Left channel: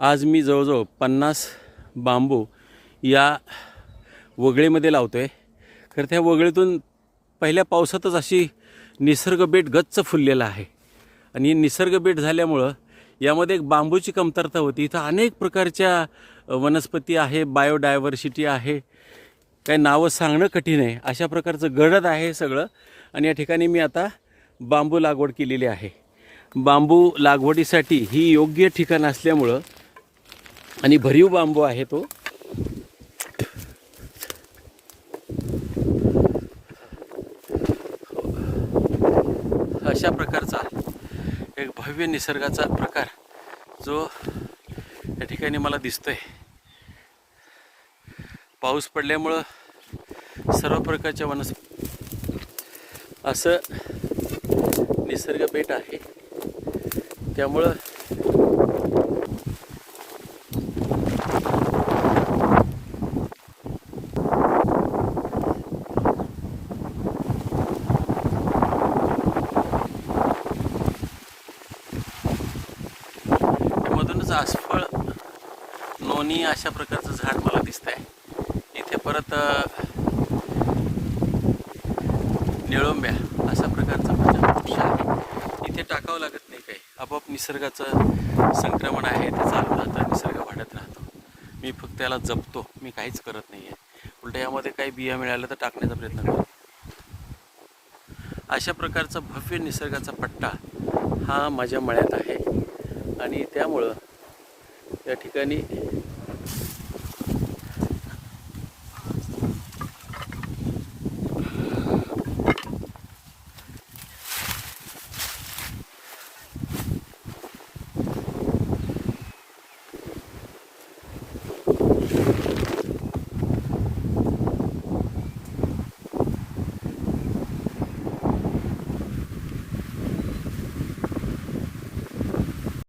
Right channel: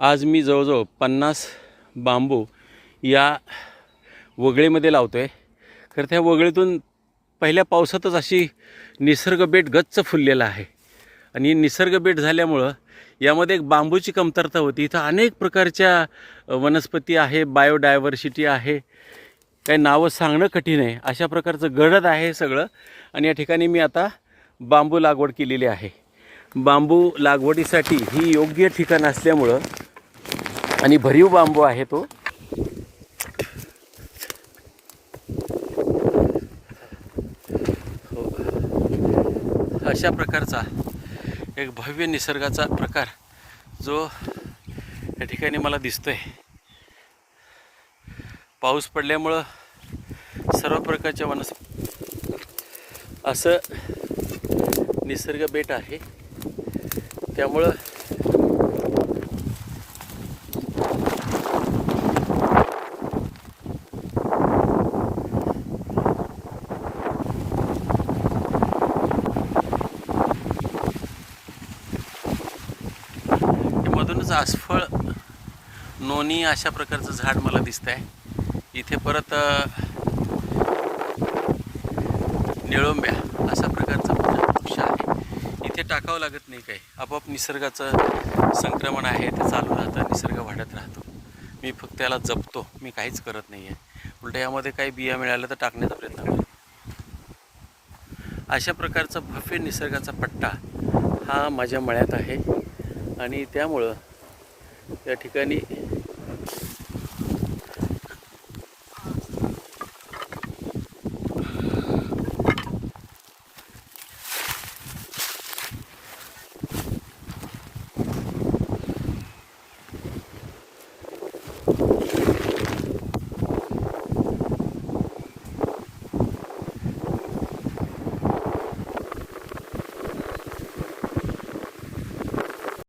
आज मी जवळजवळ 50 बांबू या वगळीमध्ये लावतो आहे. खरं त्या वगळीतून पहिल्या पावसातच अशी निसर्गबेट गच्च फुललेला आहे. आणि निसर्गबेट झाल्यामुळं यामध्ये एक बांबूची कमतरता होती. इथं अनेक प्रकारच्या वनस्पती आहे, बायोडायव्हर्सिटी आहे, काही नावं सांगणं कठीण आहे. अशा प्रकारचं गडद आहे सगळं. आणि या ठिकाणी मी आता बांबू लागवड केलेली आहे. बांबू लागवडीसाठी ही योग्य ठिकाण असल्यामुळं आणि भरीव बांबू आहे तो. अशा प्रकारचा एक भव्य निसर्गाचा प्रकार जो या ठिकाणी मला दिसतोय. पाऊस पडल्यामुळं सर्व प्रकारच्या वनस्पती असं निसर्ग बेट आहे. त्यामुळं मधूनच आसफळ, नोनी अशा प्रकारचं झाड मला दिसत आहे. इथे परत निळोंब्या अशा प्रकारचा वृक्ष आहे. इथे टाकावं लागत नाही काही, आपोआप निसर्गाचं संक्रमण आहे ते चालू राहतं, निसर्ग वाढत राहतो. मी फक्त त्याला जपतो, मी काहीच करत नाही आहे. उलट यामध्ये काही बिया मिळाल्या तर टाकण्याचा प्रयत्न करतो. अशा प्रकारचा भव्य निसर्गाचा पट्टा हा माझ्या मळ्यात आहे. आणि त्यामुळं या ठिकाणी